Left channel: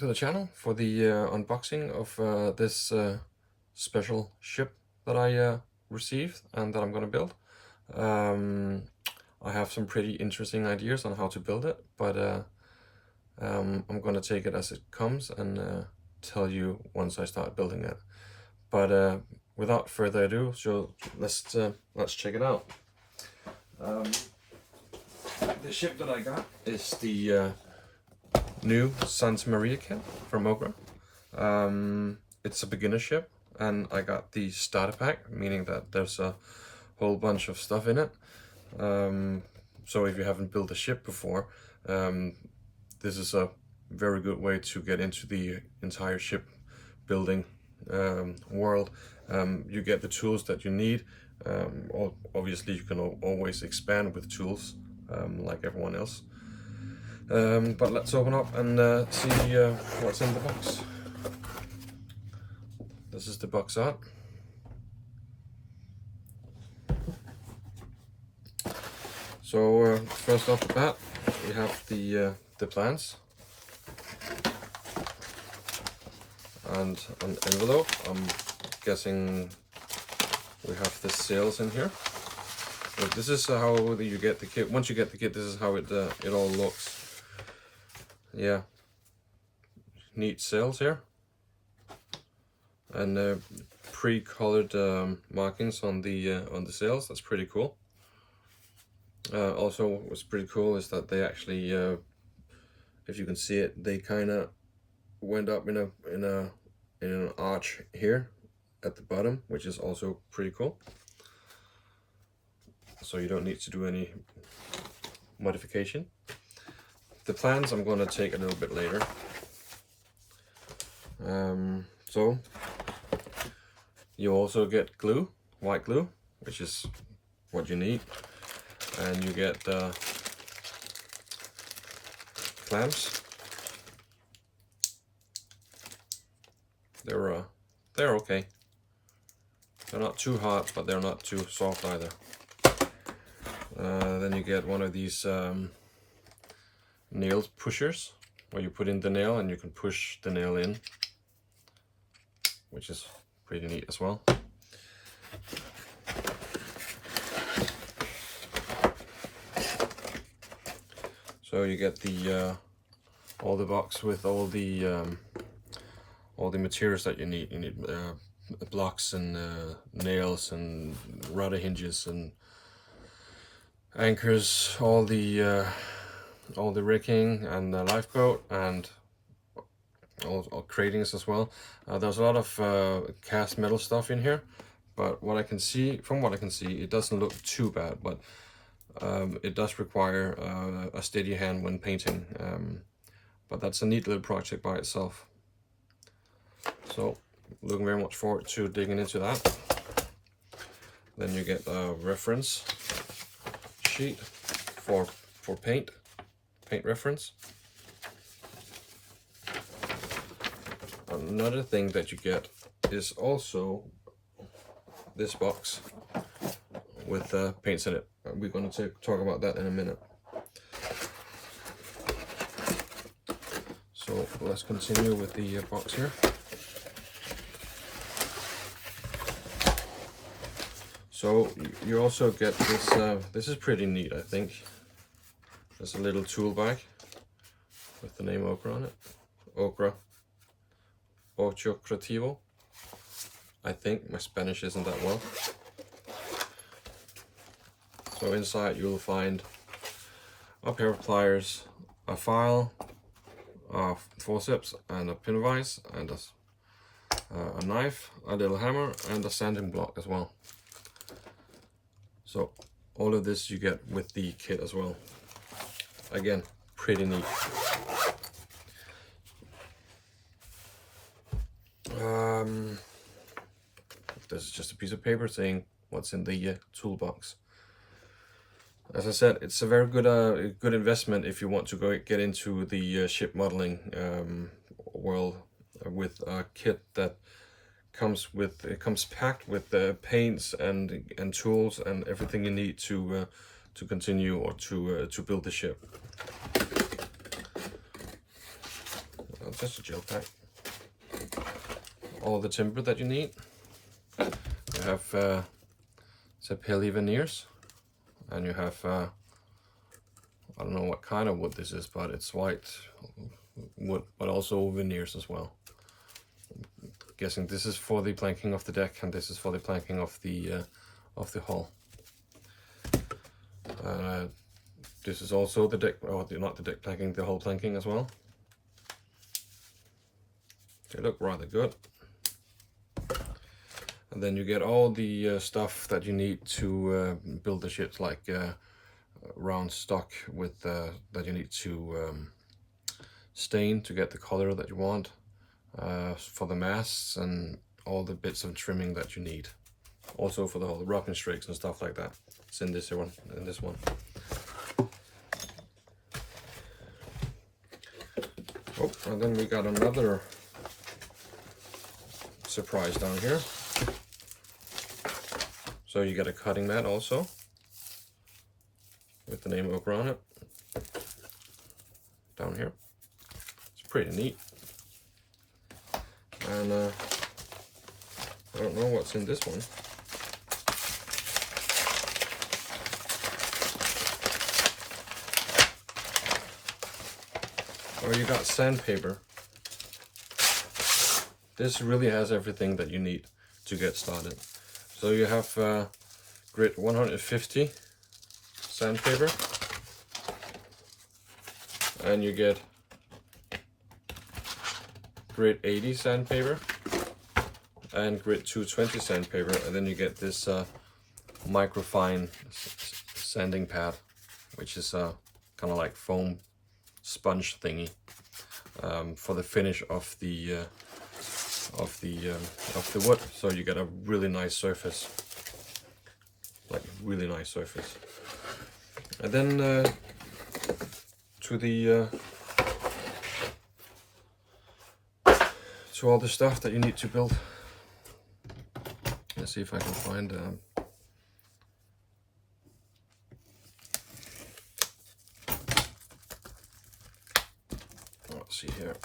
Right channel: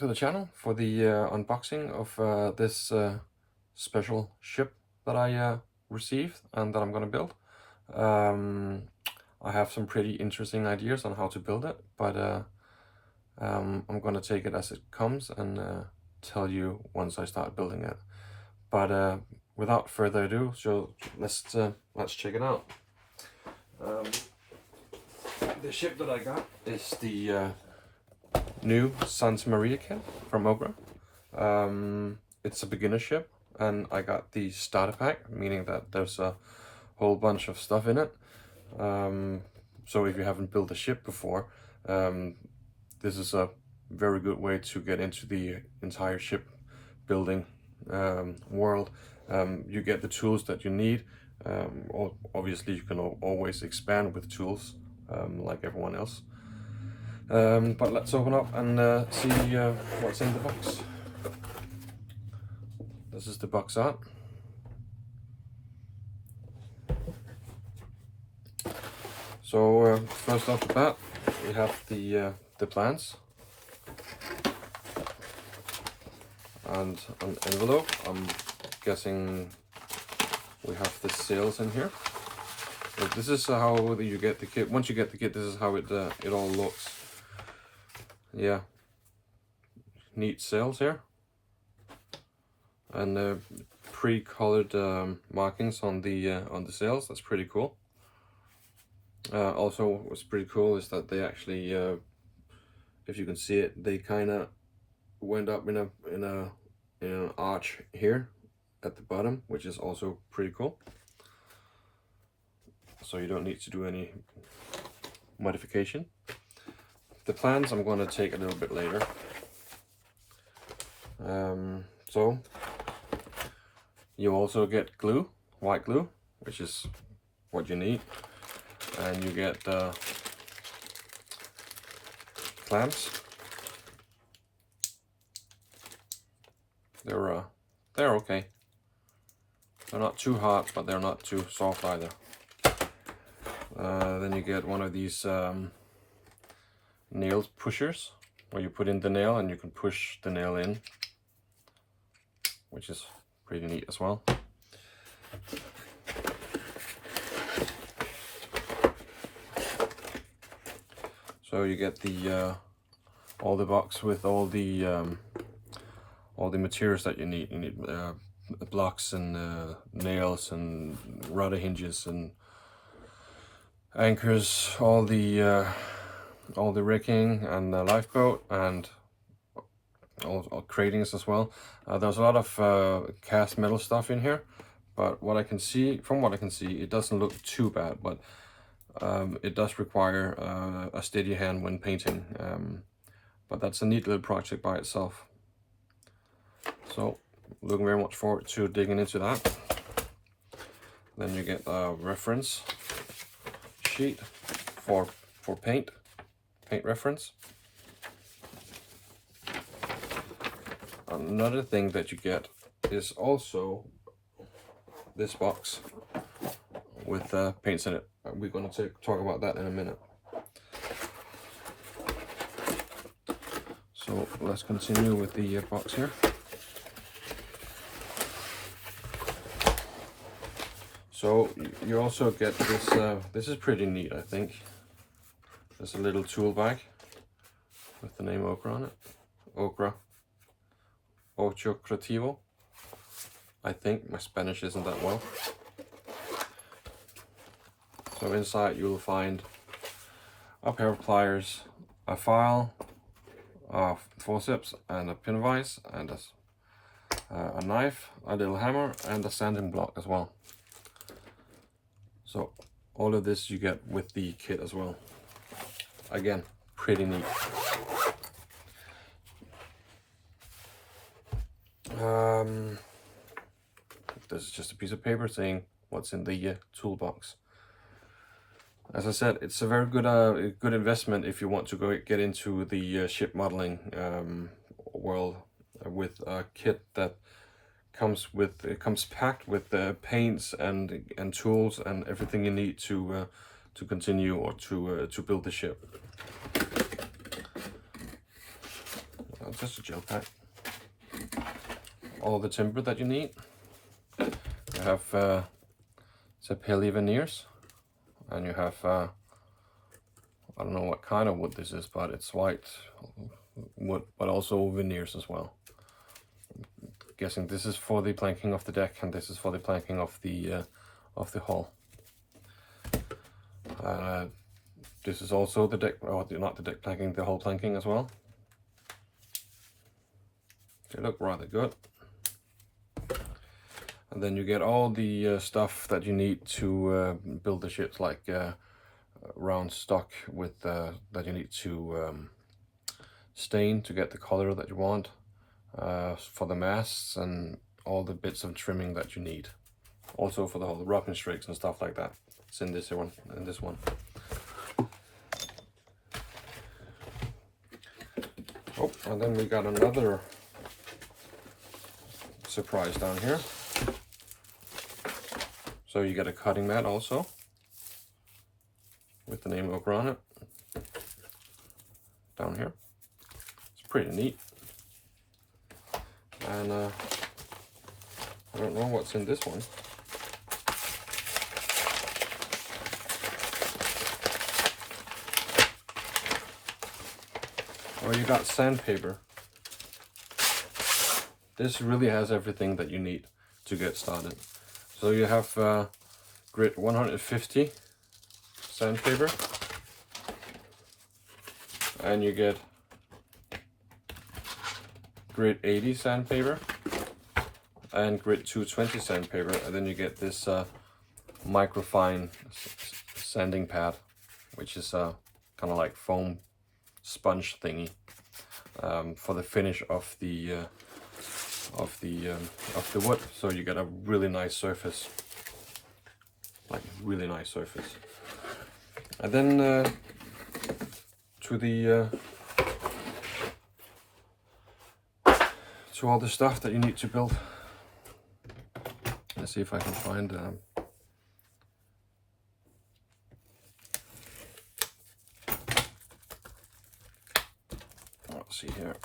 to the channel for the unboxing of this special ship that I received and that I'm going to build. I have some pretty interesting ideas on how to build it, but I'm going to take it as it comes and tell you once I start building it. But without further ado, so let's check it out. The ship that I got is the new Santa Maria kit from Occre. It's a beginner ship, and I got the starter pack, meaning that there's a whole bunch of stuff in it. So if you haven't built a ship before, this is a very good way to get into the entire ship building world. You get the tools that you need. Obviously you can always expand with tools like everyone else. But let's open up and see what's in the box. This is the box art. So first off the bat, we have the plans and an envelope. I'm guessing we have the sales in here. So this is how you get the kit. Once you get the kit, this is how it all looks. Yeah, neat sails here, and pre-colored markings on the sails. That's pretty cool. Also, what's pretty cool is that they actually, if you can see it, they kind of went up in an arch here at the bottom, which is also pretty cool. So you don't need to do any modification. The plans I'm going to take a little bit later. So you also get glue, white glue, which is what you need, and you get clamps. They're okay. They're not too hot, but they're not too soft either. Then you get one of these nail pushers, where you put in the nail and you can push the nail in, which is pretty neat as well. So you get the all the box with all the materials that you need. You need blocks and nails and rudder hinges and anchors, all the rigging and the lifeboat, and all cratings as well. There's a lot of cast metal stuff in here, but from what I can see, it doesn't look too bad, but it does require a steady hand when painting. But that's a neat little project by itself. So looking very much forward to digging into that. Then you get a reference sheet for paint reference. Another thing that you get is also this box with paints in it. We're going to talk about that in a minute. So let's continue with the box here. So you also get this, this is pretty neat, I think. There's a little tool bag with the name Occre on it. Occre. Ocho Creativo. I think my Spanish isn't that well. So inside you'll find a pair of pliers, a file, a forceps and a pin vise, and a knife, a little hammer, and a sanding block as well. So all of this you get with the kit as well. Again, pretty neat. This is just a piece of paper saying what's in the toolbox. As I said, it's a very good investment if you want to go get into the ship modeling world with a kit that comes packed with paints and tools and everything you need to continue or to build the ship. just a gel pack. All the timber that you need. You have Sapele veneers, and you have I don't know what kind of wood this is, but it's white wood, but also veneers as well. I'm guessing this is for the planking of the deck, and this is for the planking of the hull. This is also the deck, or not the deck planking, the hull planking as well. They look rather good. And then you get all the stuff that you need to build the ships, like round stock with that you need to stain to get the color that you want, for the masts, and all the bits of trimming that you need. Also for the whole rocking strakes and stuff like that. It's in this one. Oh, and then we got another surprise down here. So you get a cutting mat also, with the name Occre on it, down here. It's pretty neat. And I don't know what's in this one. Well, you got sandpaper. This really has everything that you need to get started. So you have grit 150 sandpaper, and you get grit 80 sandpaper, and grit 220 sandpaper, and then you get this microfine sanding pad, which is kind of like foam sponge thingy, for the finish of the wood, so you get a really nice surface, like really nice surface. And then to all the stuff that you need to build. Let's see if I can find let's see here.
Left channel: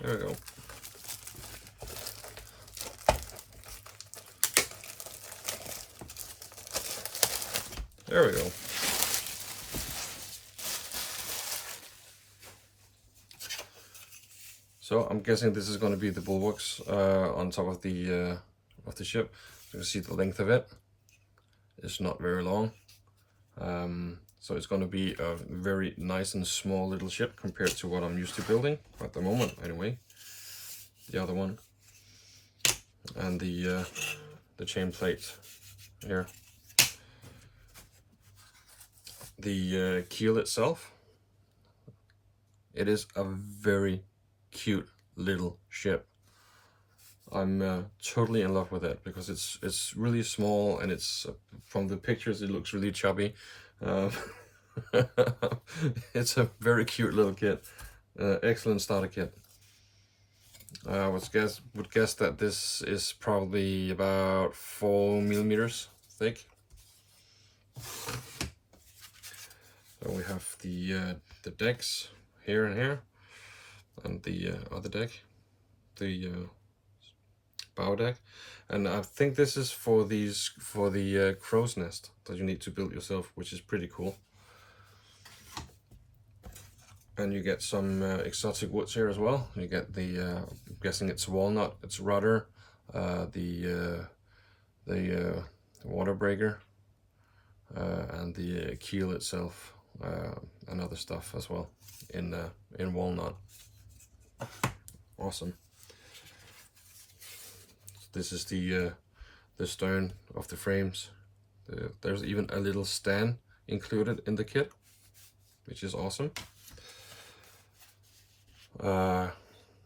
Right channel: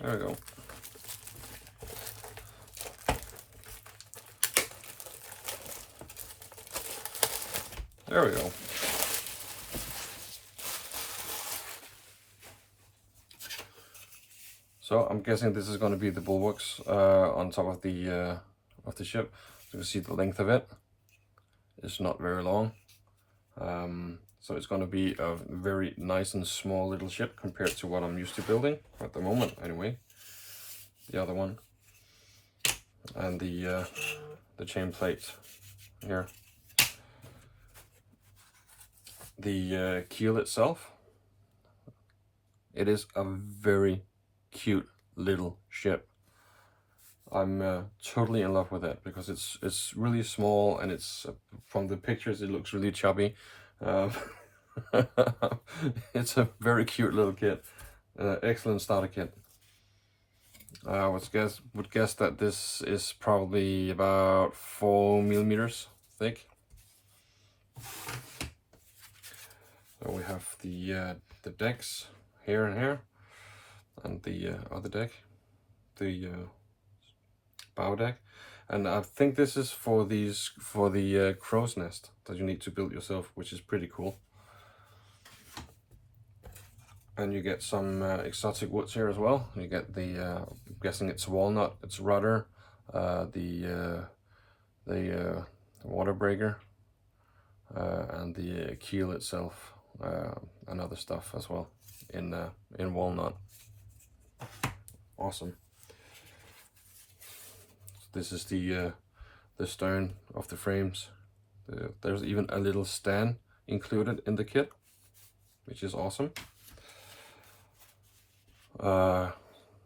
There we go. There we go. So I'm guessing this is going to be the bulwarks on top of the ship. You can see the length of it. It's not very long. So it's going to be a very nice and small little ship compared to what I'm used to building at the moment, anyway. The other one, and the chain plates here. The keel itself, it is a very cute little ship. I'm totally in love with it because it's really small, and it's from the pictures it looks really chubby. It's a very cute little kit, excellent starter kit. I would guess that this is probably about 4 millimeters thick. So we have the decks here and here, and the other deck, the bow deck, and I think this is for the crow's nest that you need to build yourself, which is pretty cool. And you get some exotic woods here as well. You get the I'm guessing it's walnut, it's rudder, the water breaker, and the keel itself, and other stuff as well in walnut. Awesome. This is the stern of the frames. There's even a little stand included in the kit, which is awesome.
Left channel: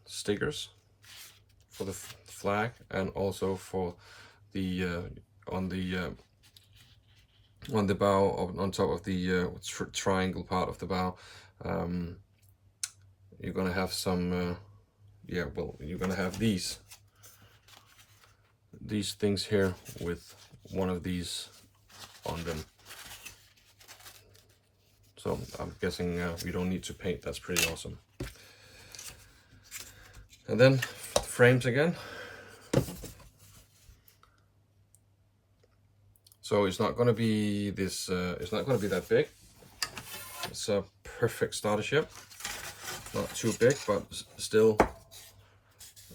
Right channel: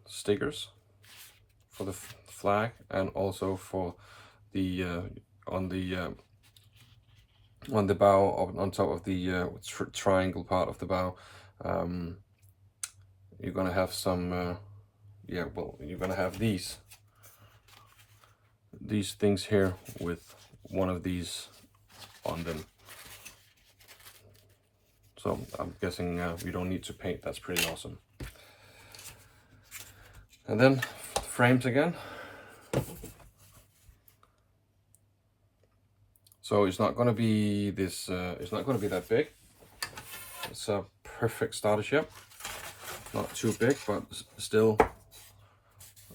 Stickers for the flag, and also for the on the bow, on top of the triangle part of the bow. You're gonna have some yeah, well, you're gonna have these things here with one of these on them. So I'm guessing we don't need to paint. That's pretty awesome. And then the frames again. So it's not going to be this. It's not going to be that big. It's a perfect starter ship. Not too big, but still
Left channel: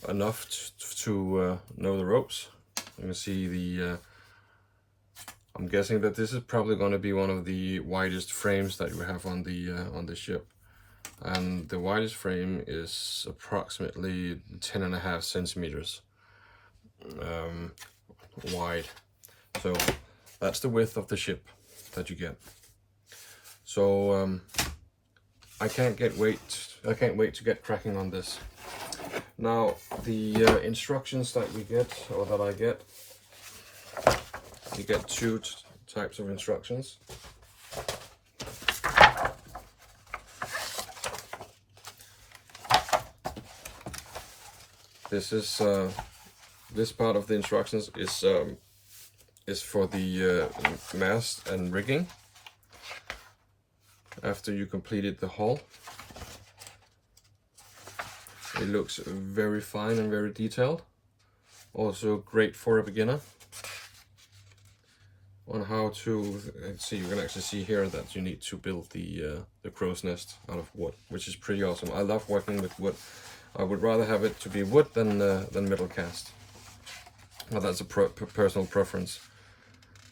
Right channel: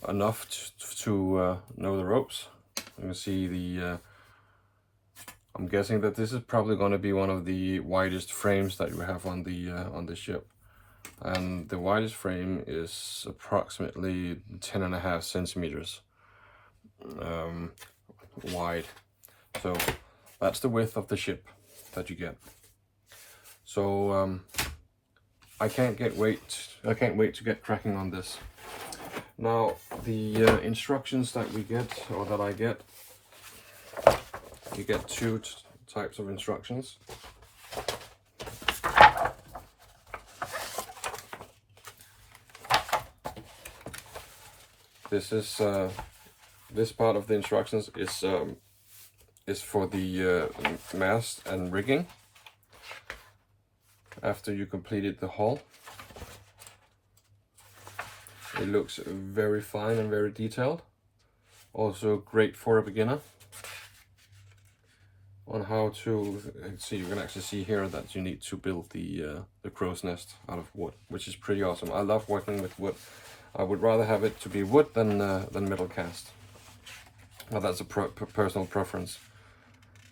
enough to know the ropes. You can see the. I'm guessing that this is probably going to be one of the widest frames that you have on the ship, and the widest frame is approximately 10.5 centimeters wide. So that's the width of the ship that you get. So I can't wait to get cracking on this. Now the instructions that we get, or that I get, you get two types of instructions. This is this part of the instructions is for the mast and rigging. After you completed the hull, it looks very fine and very detailed. Also great for a beginner. On how to see, you can actually see here that you need to build the crow's nest out of wood, which is pretty awesome. I love working with wood. I would rather have it to be wood than metal cast. Well, that's a personal preference.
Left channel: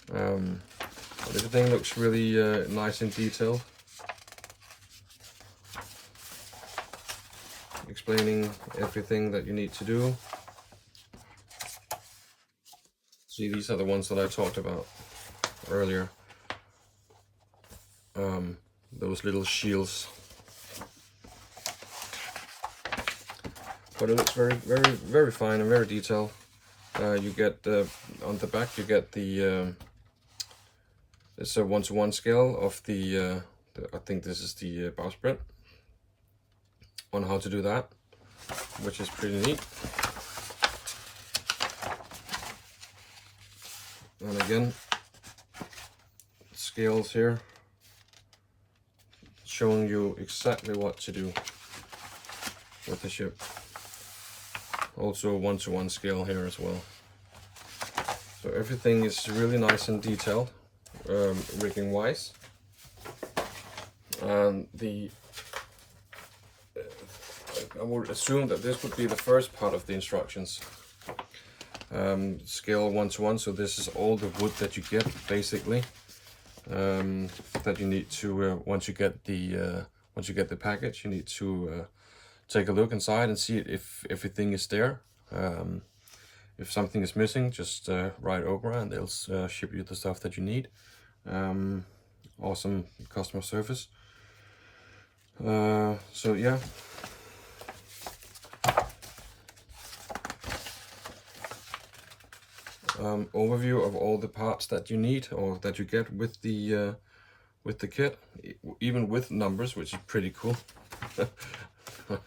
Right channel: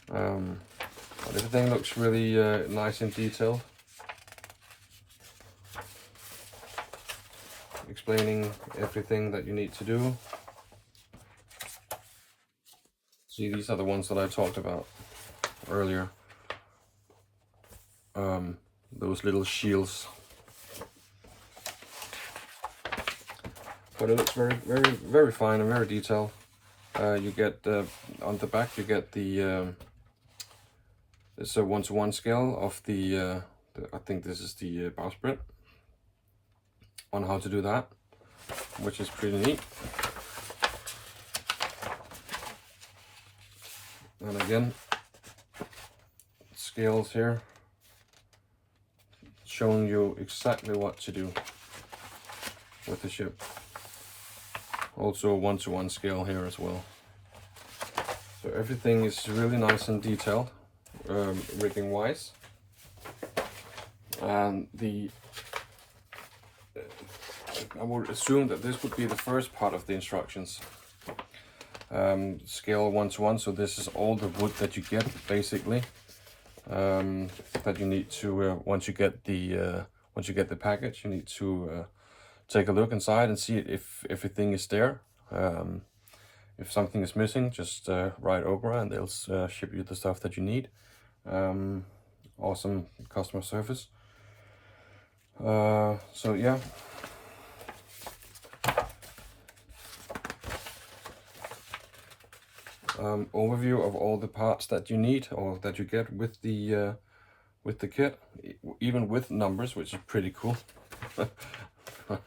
Everything looks really nice and detailed. Explaining everything that you need to do. See, these are the ones that I talked about earlier. Those little shields. But it looks very fine and very detailed. You get on the back, you get the it's a 1:1 scale of the I think this is the bowsprit, on how to do that, which is pretty neat. And again, scales here showing you exactly what to do with the ship. Also a 1:1 scale here as well. So everything is really nice and detailed, rigging wise. And I would assume that this would be the first part of the instructions. Scale 1:1, so this is all the wood that you get basically. That you need to once you get the package, you need to take a look inside and see if everything is there. If something is missing, just write Occre and they'll ship you the stuff that you need. Awesome customer service. So yeah. Overview of all the parts that you need, or that you get with the kit, even with numbers, which is pretty cool.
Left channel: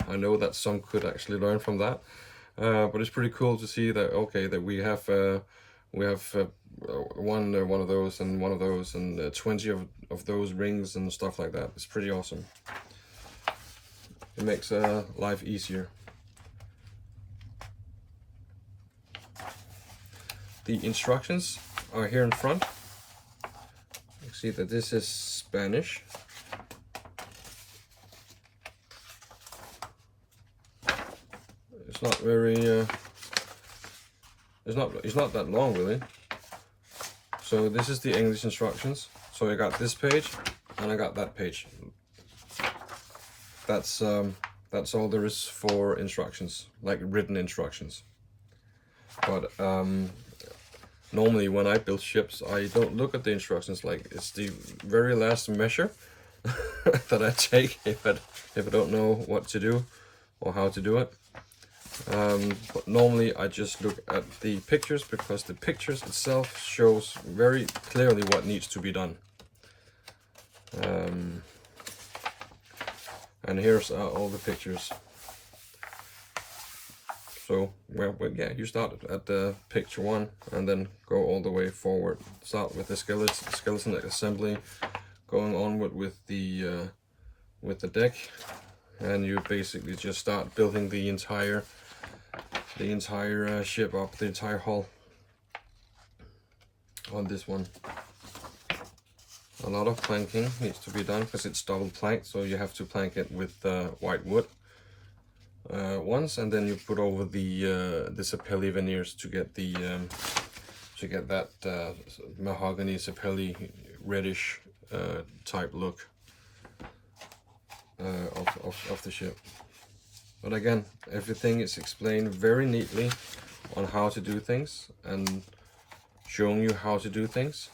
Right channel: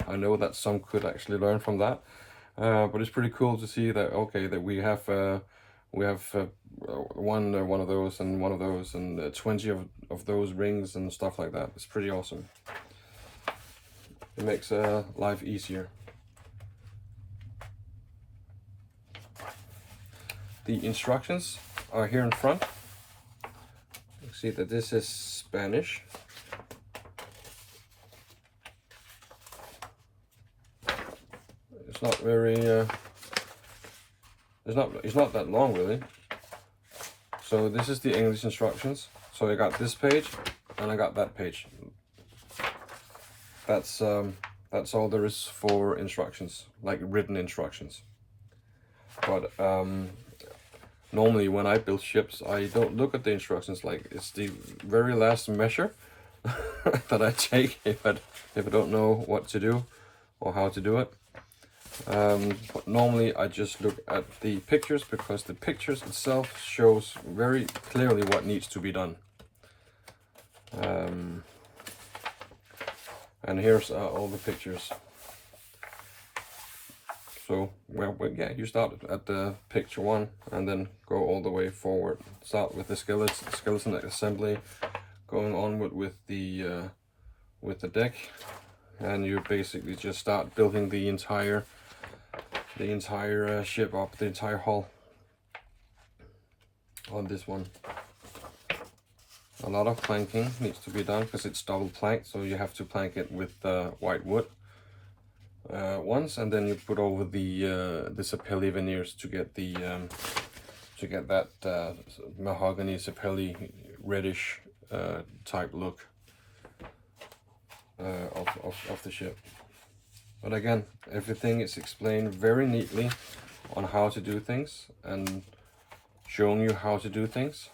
I know that some could actually learn from that, but it's pretty cool to see that, okay, that we have one of those and one of those and 20 of those rings and stuff like that. It's pretty awesome. It makes life easier. The instructions are here in front. You see that this is Spanish. It's not very it's not that long really. So this is the English instructions. So I got this page and I got that page. That's all there is for instructions, like written instructions. But normally when I build ships, I don't look at the instructions. Like, it's the very last measure that I take if I don't know what to do or how to do it. But normally I just look at the pictures, because the pictures itself shows very clearly what needs to be done. And here's all the pictures. So, well, yeah, you start at the picture 1 and then go all the way forward. Start with the skeleton assembly, going onward with the deck, and you basically just start building the entire ship up, the entire hull on this one. A lot of planking needs to be done because it's double planked, so you have to plank it with white wood once, and then you put over the sapelli veneers to get the that mahogany sapelli reddish type look of the ship. But again, everything is explained very neatly on how to do things and showing you how to do things.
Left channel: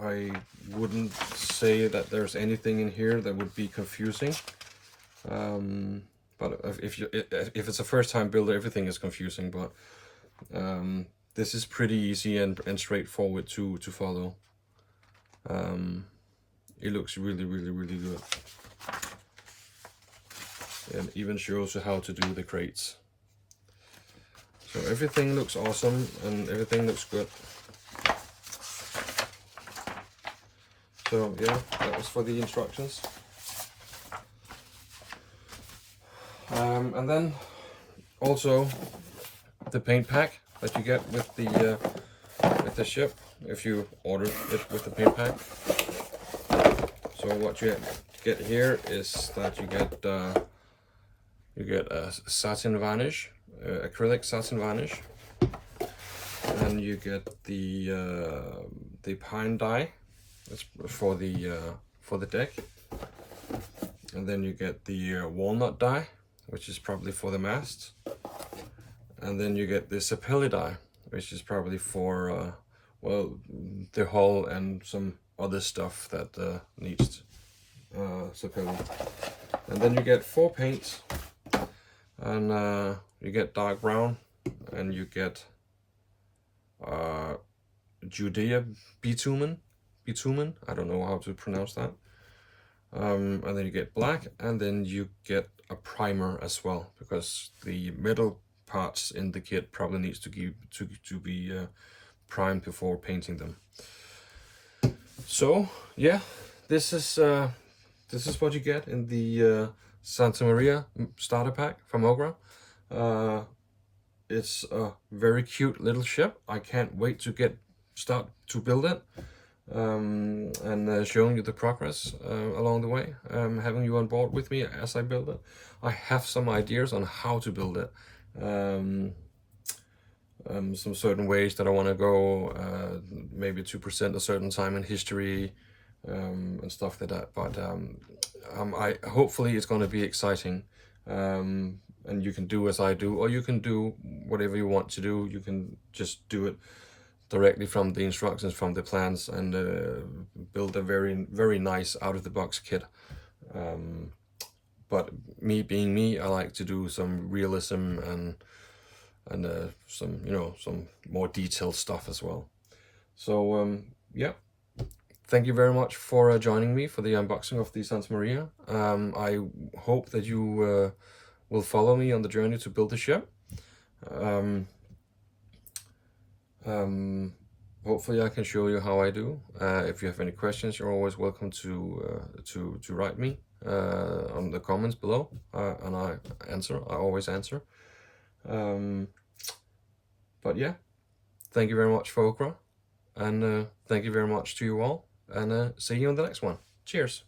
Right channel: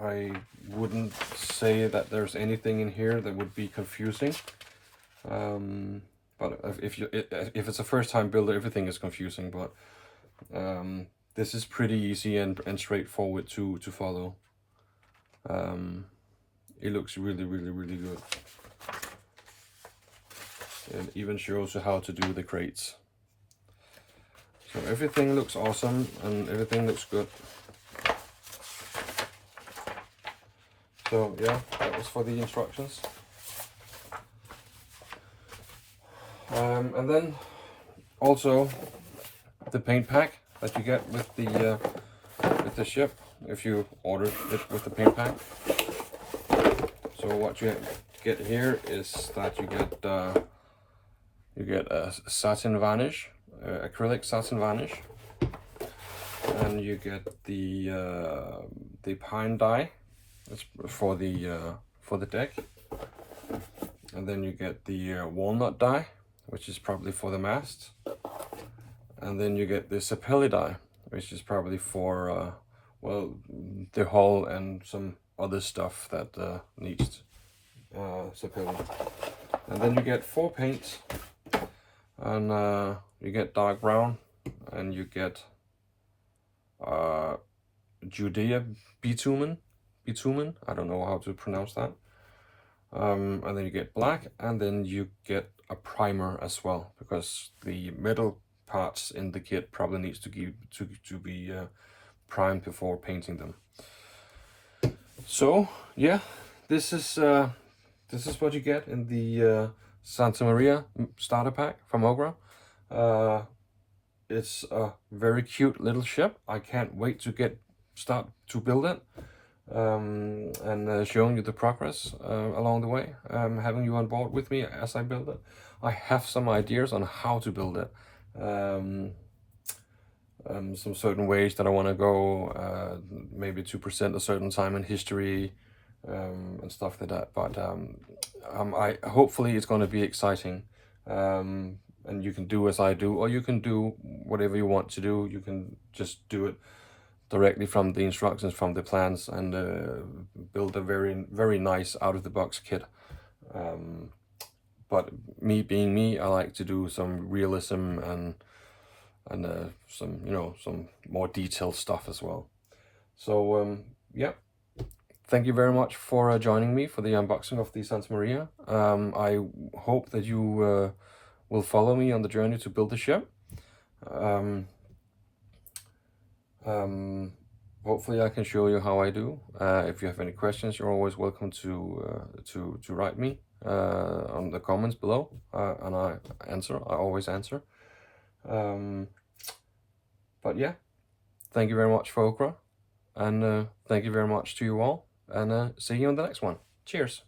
I wouldn't say that there's anything in here that would be confusing. But if it's a first time builder, everything is confusing, but this is pretty easy and straightforward to follow. It looks really good. It even shows you how to do the crates. So everything looks awesome and everything looks good. So yeah, that was for the instructions. And then also the paint pack that you get with the ship if you order it with the paint pack. So what you get here is that you get a satin varnish, acrylic satin varnish, and you get the pine dye. That's for the deck, and then you get the walnut dye, which is probably for the mast, and then you get the sapelli dye, which is probably for well, the hull and some other stuff that needs sapelli. And then you get 4 paints, and you get dark brown, and you get Judea bitumen, I don't know how to pronounce that. And then you get black, and then you get a primer as well, because the metal parts in the kit probably needs to be primed before painting them. So yeah, this is what you get in the Santa Maria starter pack from Occre. It's a very cute little ship. I can't wait to start to build it, and showing you the progress along the way, having you on board with me as I build it. I have some ideas on how to build it, some certain ways that I want to go, maybe to present a certain time in history, and stuff like that. But hopefully it's going to be exciting, and you can do as I do, or you can do whatever you want to do. You can just do it directly from the instructions, from the plans, and build a very nice out-of-the-box kit. But me being me, I like to do some realism and some, you know, some more detailed stuff as well. So yeah, thank you very much for joining me for the unboxing of the Santa Maria. I hope that you will follow me on the journey to build the ship. Hopefully I can show you how I do. If you have any questions, you're always welcome to write me on the comments below, and I always answer. But yeah, thank you very much for Occre, and thank you very much to you all, and see you on the next one. Cheers.